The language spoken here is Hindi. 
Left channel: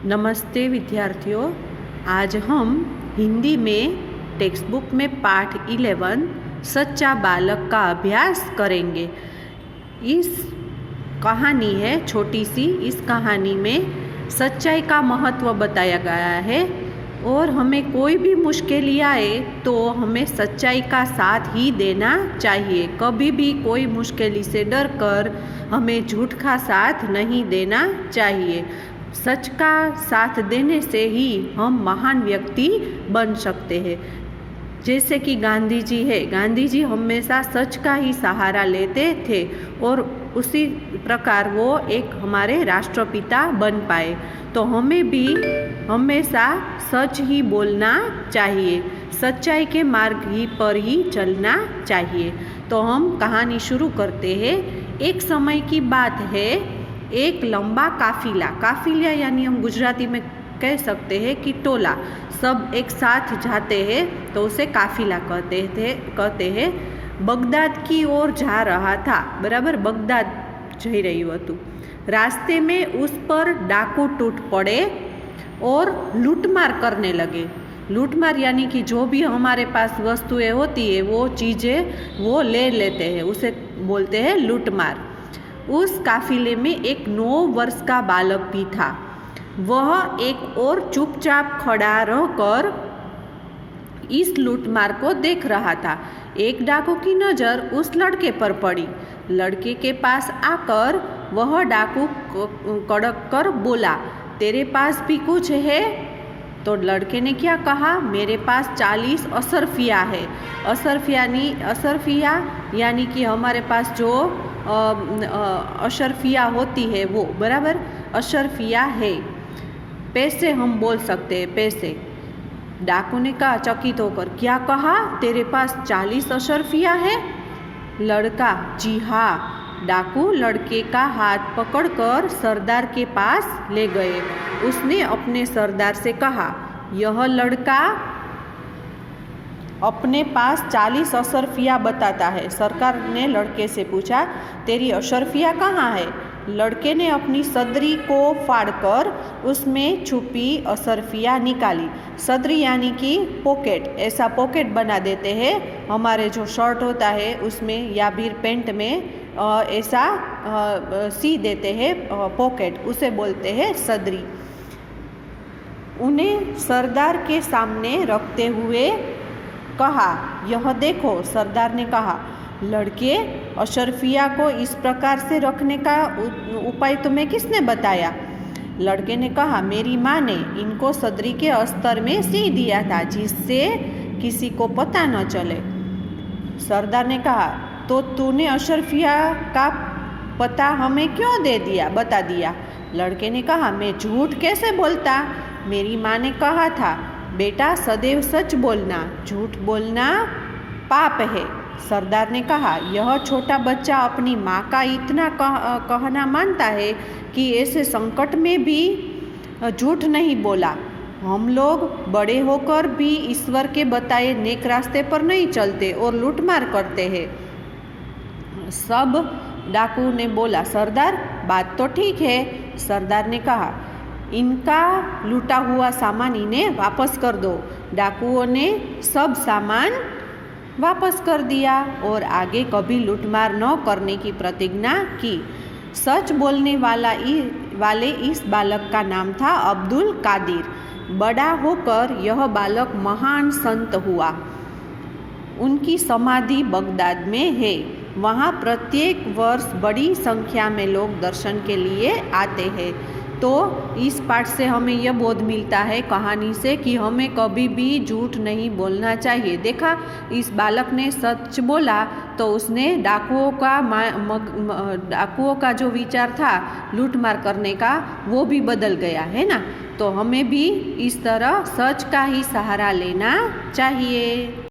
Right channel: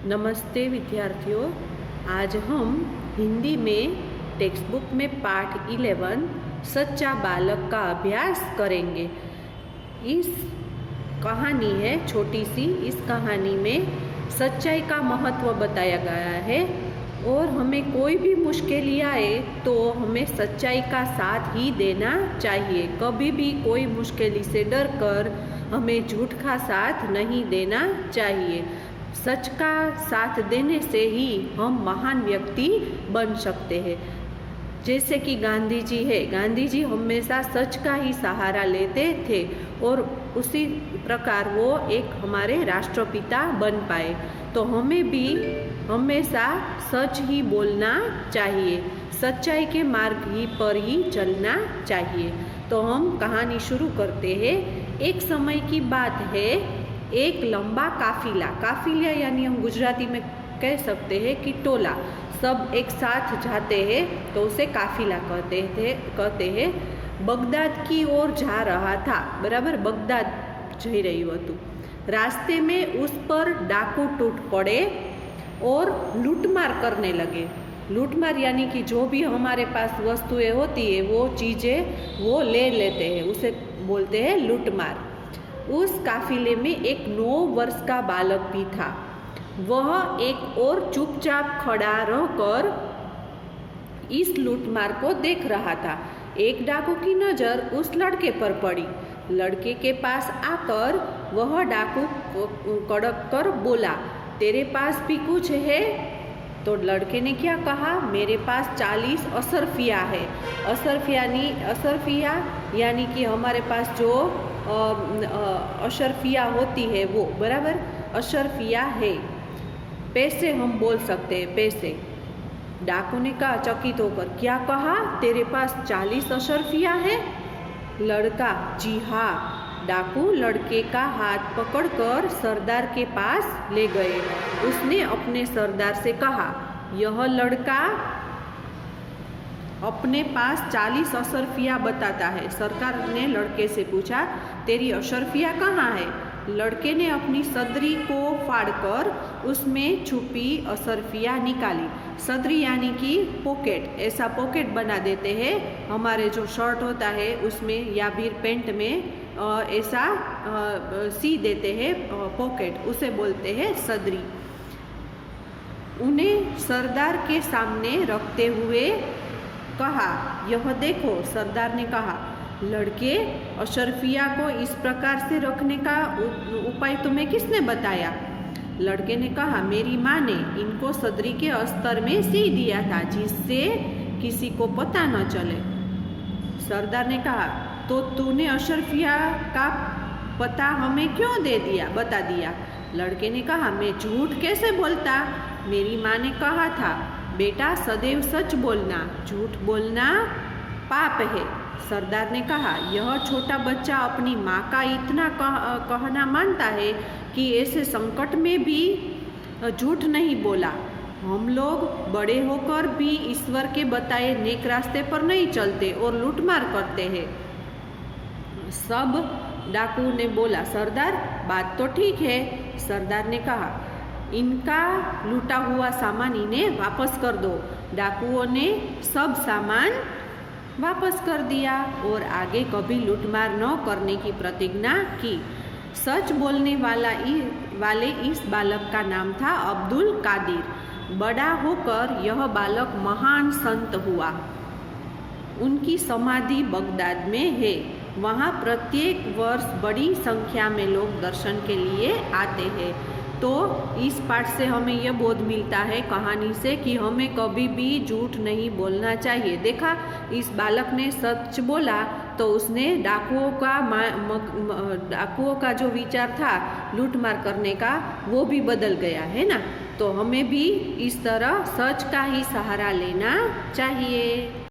नमस्ते विद्यार्थियों, आज हम हिंदी में टेक्स्ट बुक में पाठ 11 सच्चा बालक का अभ्यास करेंगे। इस कहानी है छोटी सी। इस कहानी में सच्चाई का महत्व बताया गया है और हमें कोई भी मुश्किल आए तो हमें सच्चाई का साथ ही देना चाहिए। कभी भी कोई मुश्किल से डर कर हमें झूठ का साथ नहीं देना चाहिए। सच का साथ देने से ही हम महान व्यक्ति बन सकते हैं। जैसे कि गांधी जी है, गांधी जी हमेशा सच का ही सहारा लेते थे और उसी प्रकार वो एक हमारे राष्ट्रपिता बन पाए। तो हमें भी हमेशा सच ही बोलना चाहिए, सच्चाई के मार्ग ही पर ही चलना चाहिए। तो हम कहानी शुरू करते हैं। एक समय की बात है, एक लंबा काफिला यानी हम गुजराती में कह सकते हैं कि टोला, सब एक साथ जाते हैं तो उसे काफिला कहते हैं। बगदाद की ओर जा रहा था, बराबर बगदाद जई रह्યું હતું। रास्ते में उस पर डाकू टूट पड़े और लूटमार करने लगे। लूटमार यानी कि जो भी हमारे पास वस्तुएं होती है वो चीज़ें वो ले लेते हैं, उसे बोलते हैं लूटमार। उस काफिले में एक 9 वर्ष का बालक भी था। वह एक और चुपचाप खड़ा रहकर इस लूटमार को देख रहा था। एक डाकू की नज़र उस लड़के पर पड़ी। लड़के के पास आकर वह डाकू कड़क कर बोला, तेरे पास भी कुछ है? तो लड़के ने क्या कहा, मेरे पास 40 असरफिया है। असरफिया यानी कि हमारे पास जो अशरफिया होती है वो, बराबर अशरफिया है। पैसे हम बोल सकते हैं, पैसे। डाकू ने कहा चकित होकर, क्या कहा, तेरे पास 40 अशरफिया है? लड़का, जी हाँ। डाकू लड़के का हाथ पकड़कर सरदार के पास ले गए। उसने अपने सरदार से कहा, यह लड़का अपने पास 40 अशरफिया बताता है। सरकार ने लड़के से पूछा, तेरी अशरफिया कहाँ है? लड़के ने अपनी सदरी को फाड़कर उसमें छुपी अशरफिया निकाली। सदरी यानी कि पॉकेट, ऐसा पॉकेट बना देते हैं हमारे जो शर्ट होता है उसमें या फिर पैंट में ऐसा सी देते हैं पॉकेट, उसे बोलते हैं सदरी। उन्हें सरदार के सामने रखते हुए कहा, यह देखो। सरदार ने कहा, लड़के, अशरफिया को इस प्रकार से रखने का उपाय तुम्हें किसने बताया? लड़के ने कहा, मेरी माँ ने इनको सदरी के अस्तर में सी दिया था जिससे किसी को पता न चले। सरदार ने कहा, तो तूने अशरफिया का पता हमें क्यों बता दिया? लड़के ने कहा, मैं झूठ कैसे बोलता? मेरी माँ ने कहा था, बेटा सदैव सच बोलना, झूठ बोलना पाप है। सरदार ने कहा, यह छोटा बच्चा अपनी माँ का इतना कहना मानता है कि ऐसे संकट में भी झूठ नहीं बोला। हम लोग बड़े होकर भी ईश्वर के बताए नेक रास्ते पर नहीं चलते और लूटमार करते हैं। सब डाकू ने बोला, सरदार बात तो ठीक है। सरदार ने कहा, इनका लूटा हुआ सामान इन्हें वापस कर दो। डाकुओं ने सब सामान वापस कर दिया और आगे कभी लूटमार न करने की प्रतिज्ञा की। सच बोलने वाले इस बालक का नाम था अब्दुल कादिर। बड़ा होकर यह बालक महान संत हुआ। उनकी समाधि बगदाद में है। वहाँ प्रत्येक वर्ष बड़ी संख्या में लोग दर्शन के लिए आते हैं। तो इस पाठ से हमें यह बोध मिलता है कहानी से कि हमें कभी भी झूठ नहीं बोलना चाहिए। देखा, इस बालक ने सच बोला तो उसने डाकुओं का जो विचार था लूटमार करने का वो भी बदल गया है ना। तो हमें भी इस तरह सच का ही सहारा लेना चाहिए।